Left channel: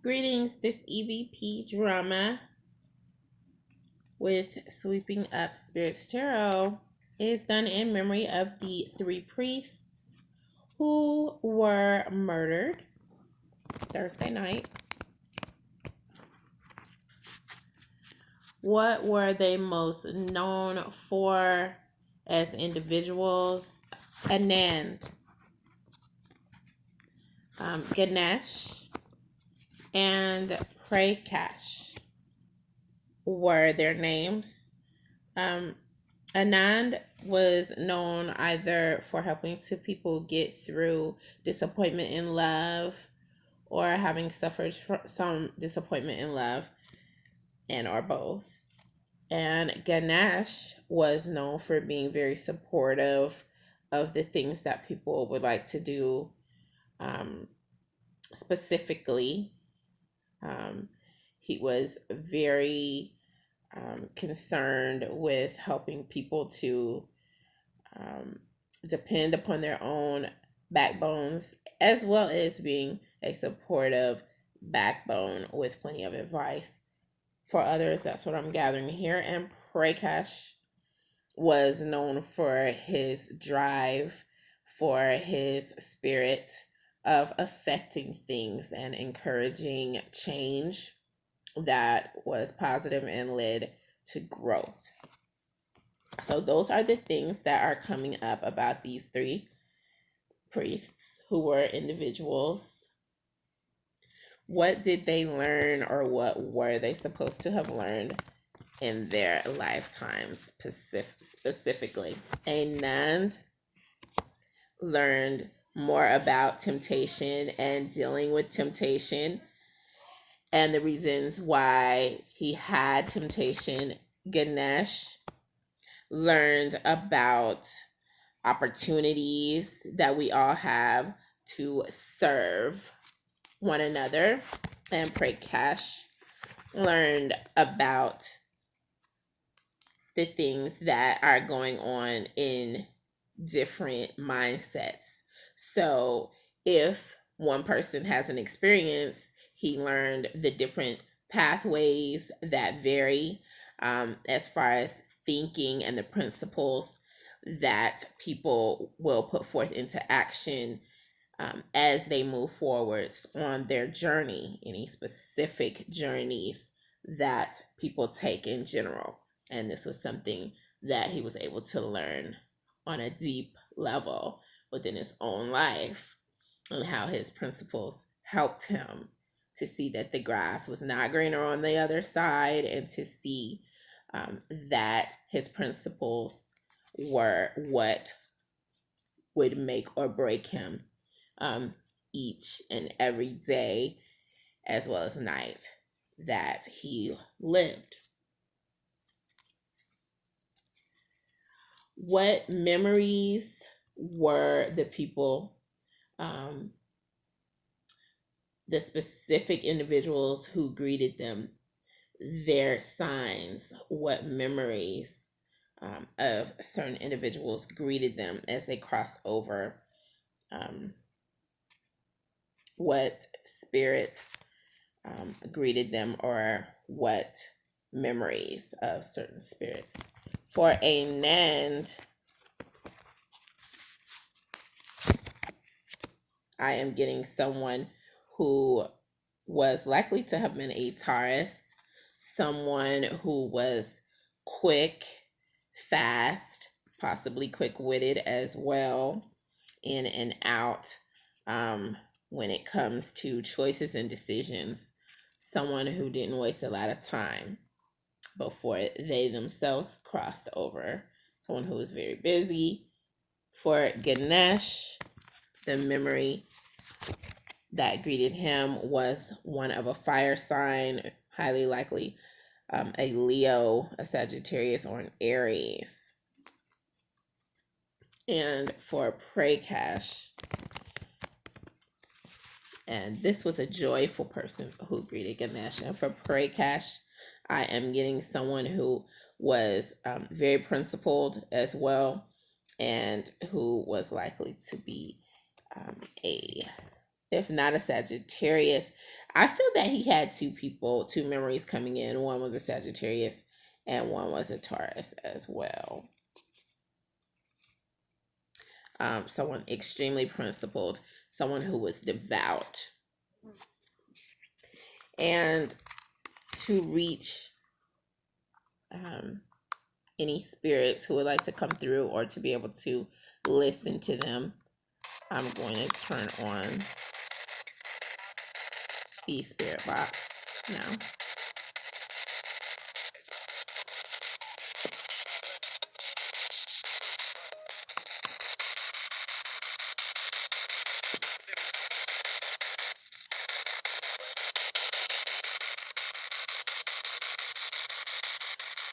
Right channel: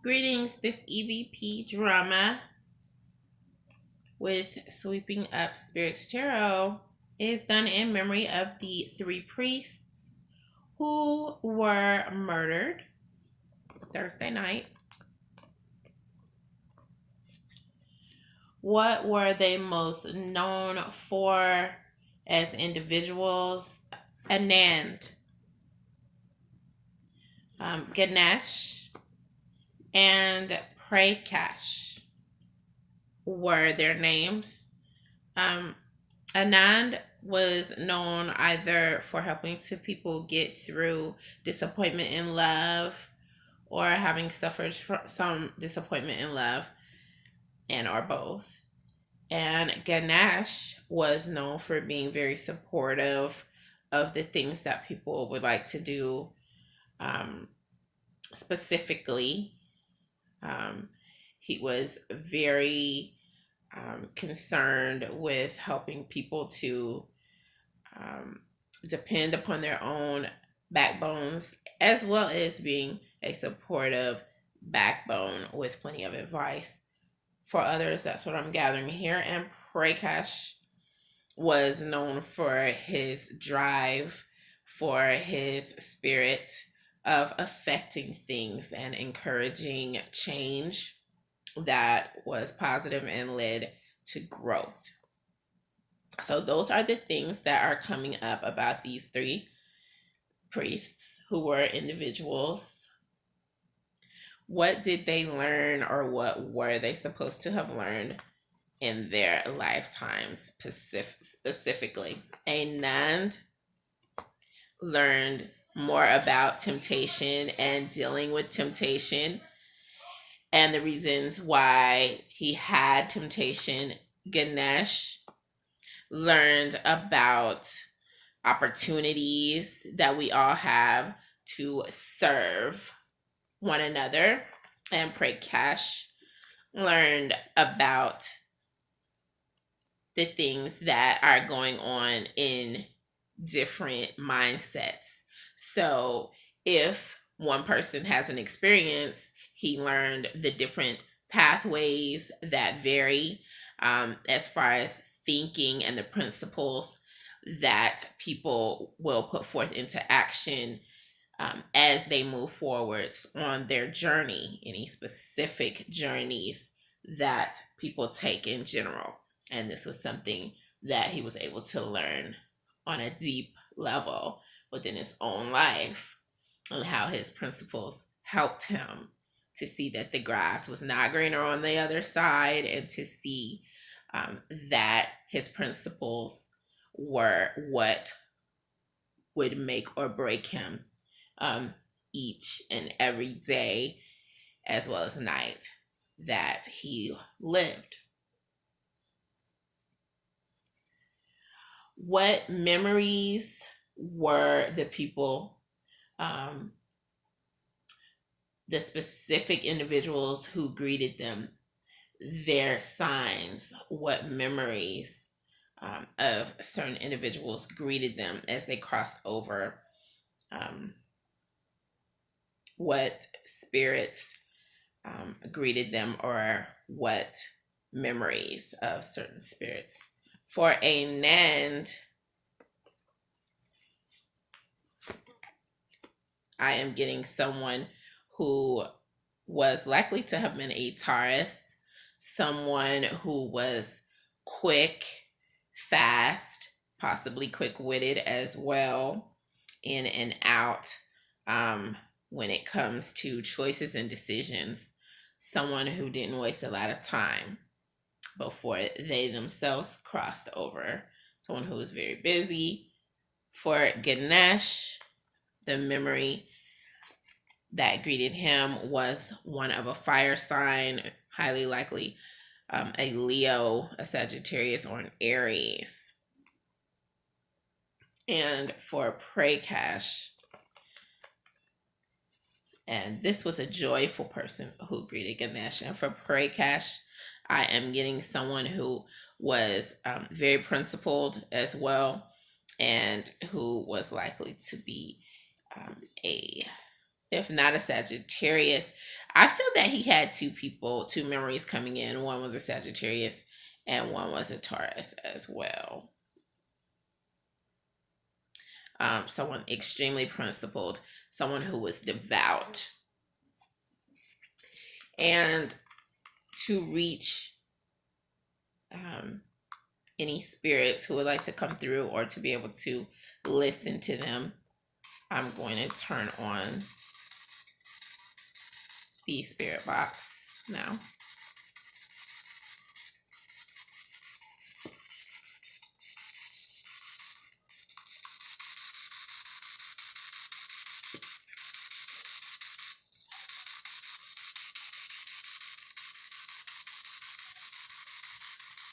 Greetings, this EVP drama with Sweeping Up Spirits Tarot is done in memory of the three priests who were murdered Thursday night. What were they most known for as individuals? Anand, Ganesh, and Prakash were their names. Anand was known either for helping to people get through disappointment in love or having suffered some disappointment in love, and or both. And Ganesh was known for being very supportive of the things that people would like to do. Specifically, he was very concerned with helping people to depend upon their own backbones, as well as being a supportive backbone with plenty of advice for others. That's what I'm gathering here. And Prakash was known for his drive, for his spirit of affecting things and encouraging change that was positive and led to growth. So those are the things that are coming up about these three priests who were individuals. What did they learn, or what were they supposed to have learned in their lifetimes specifically? Anand learned more about temptation and dealing with temptation and the reasons why he had temptation. Ganesh learned about opportunities that we all have to serve one another. And Prakash learned about the things that are going on in different mindsets. So if one person has an experience, he learned the different pathways that vary as far as thinking and the principles that people will put forth into action as they move forwards on their journey, any specific journeys that people take in general. And this was something that he was able to learn on a deep level within his own life, and how his principles helped him to see that the grass was not greener on the other side, and to see that his principles were what would make or break him each and every day, as well as night that he lived. What memories were the people, the specific individuals who greeted them, their signs? What memories of certain individuals greeted them as they crossed over? What spirits greeted them, or what memories of certain spirits? For Anand, I am getting someone who was likely to have been a Taurus, someone who was quick, fast, possibly quick-witted as well, in and out when it comes to choices and decisions. Someone who didn't waste a lot of time before they themselves crossed over. Someone who was very busy. For Ganesh, the memory that greeted him was one of a fire sign, highly likely a Leo, a Sagittarius, or an Aries. And for Prakash, and this was a joyful person who greeted Ganesh. And for Prakash, I am getting someone who was very principled as well, and who was likely to be a, if not a Sagittarius, I feel that he had two memories coming in. One was a Sagittarius and one was a Taurus as well. Someone extremely principled, someone who was devout. And to reach any spirits who would like to come through or to be able to listen to them, I'm going to turn on the spirit box now.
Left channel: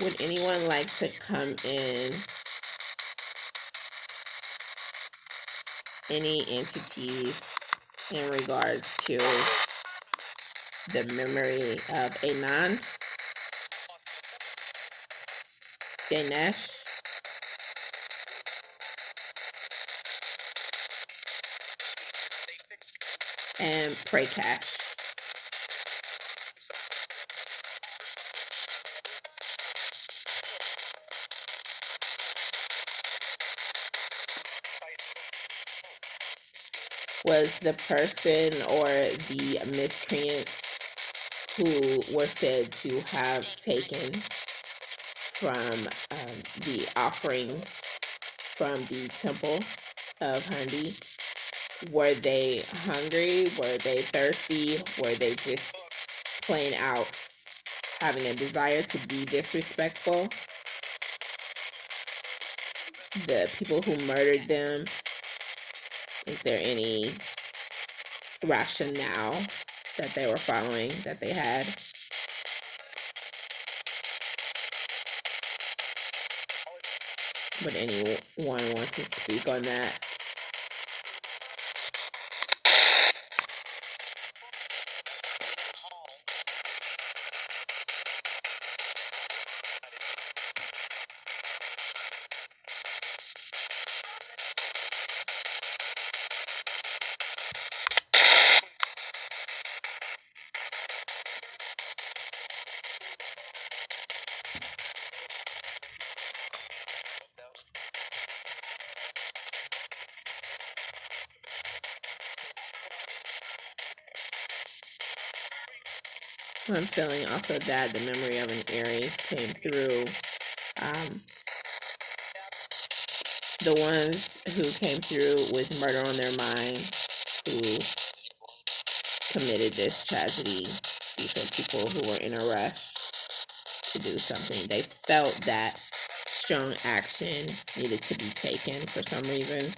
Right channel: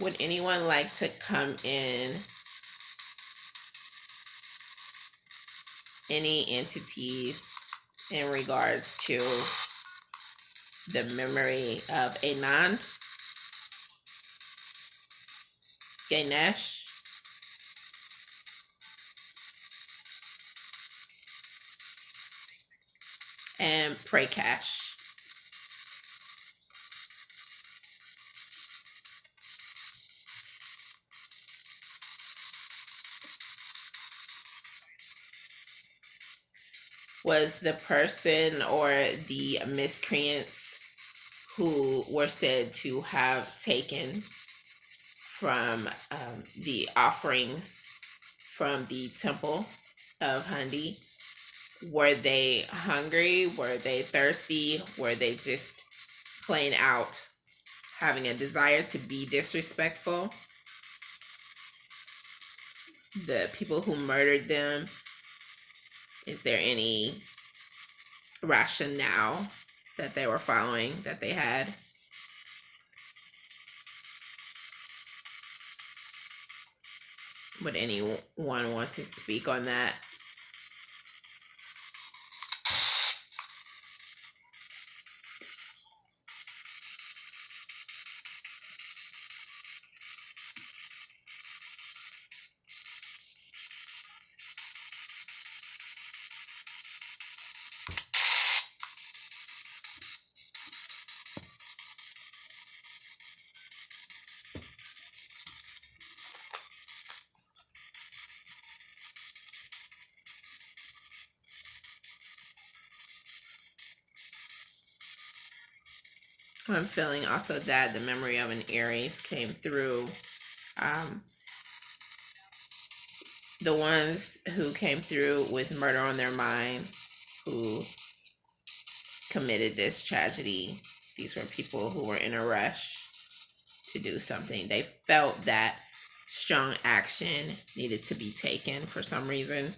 Would anyone like to come in? Any entities in regards to the memory of Anand, Ganesh, and Prakash? Was the person or the miscreants who were said to have taken from the offerings from the temple of Hundi, were they hungry? Were they thirsty? Were they just plain out having a desire to be disrespectful? The people who murdered them, is there any rationale that they were following, that they had? Would anyone want to speak on that? I'm feeling also that the memory of an Aries came through. The ones who came through with murder on their mind, who committed this tragedy, these were people who were in a rush to do something. They felt that strong action needed to be taken for some reason.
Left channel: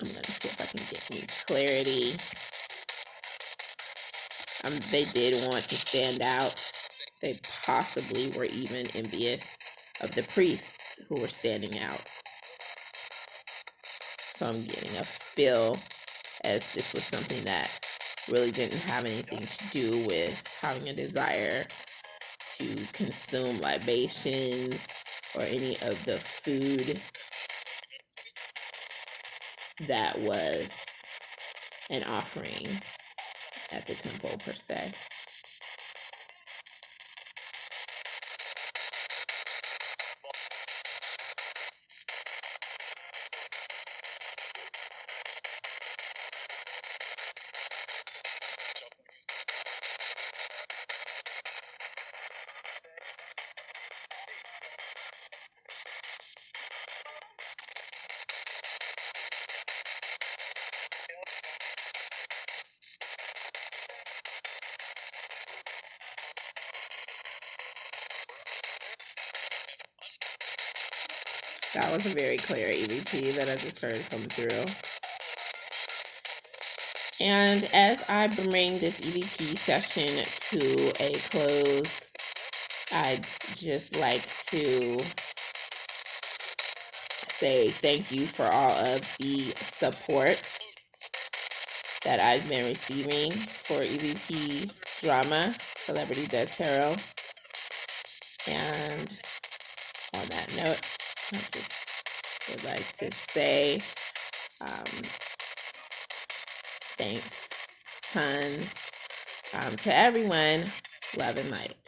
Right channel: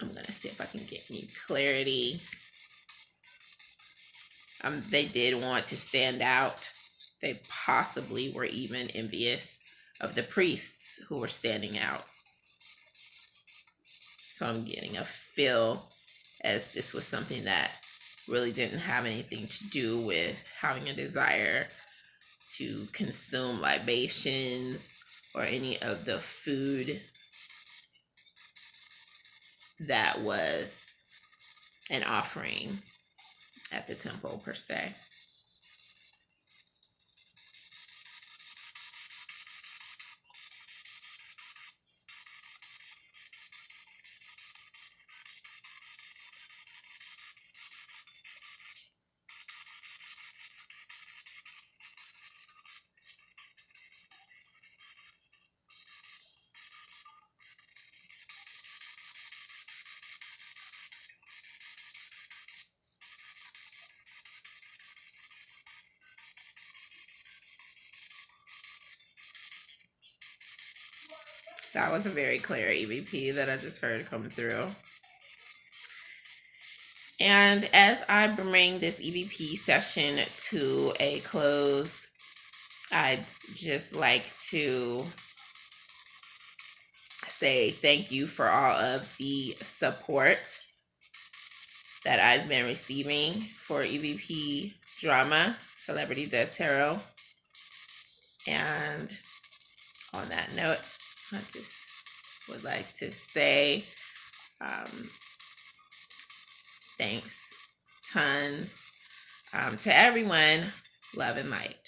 I'm going to see if I can get any clarity. They did want to stand out. They possibly were even envious of the priests who were standing out. So I'm getting a feel as this was something that really didn't have anything to do with having a desire to consume libations or any of the food that was an offering at the temple per se. That was a very clear EVP that I just heard come through. And as I bring this EVP session to a close, I'd just like to say thank you for all of the support that I've been receiving for EVP Drama, Celebrity Dead Tarot. And on that note, I just would like to say thanks tons. To everyone, love and light.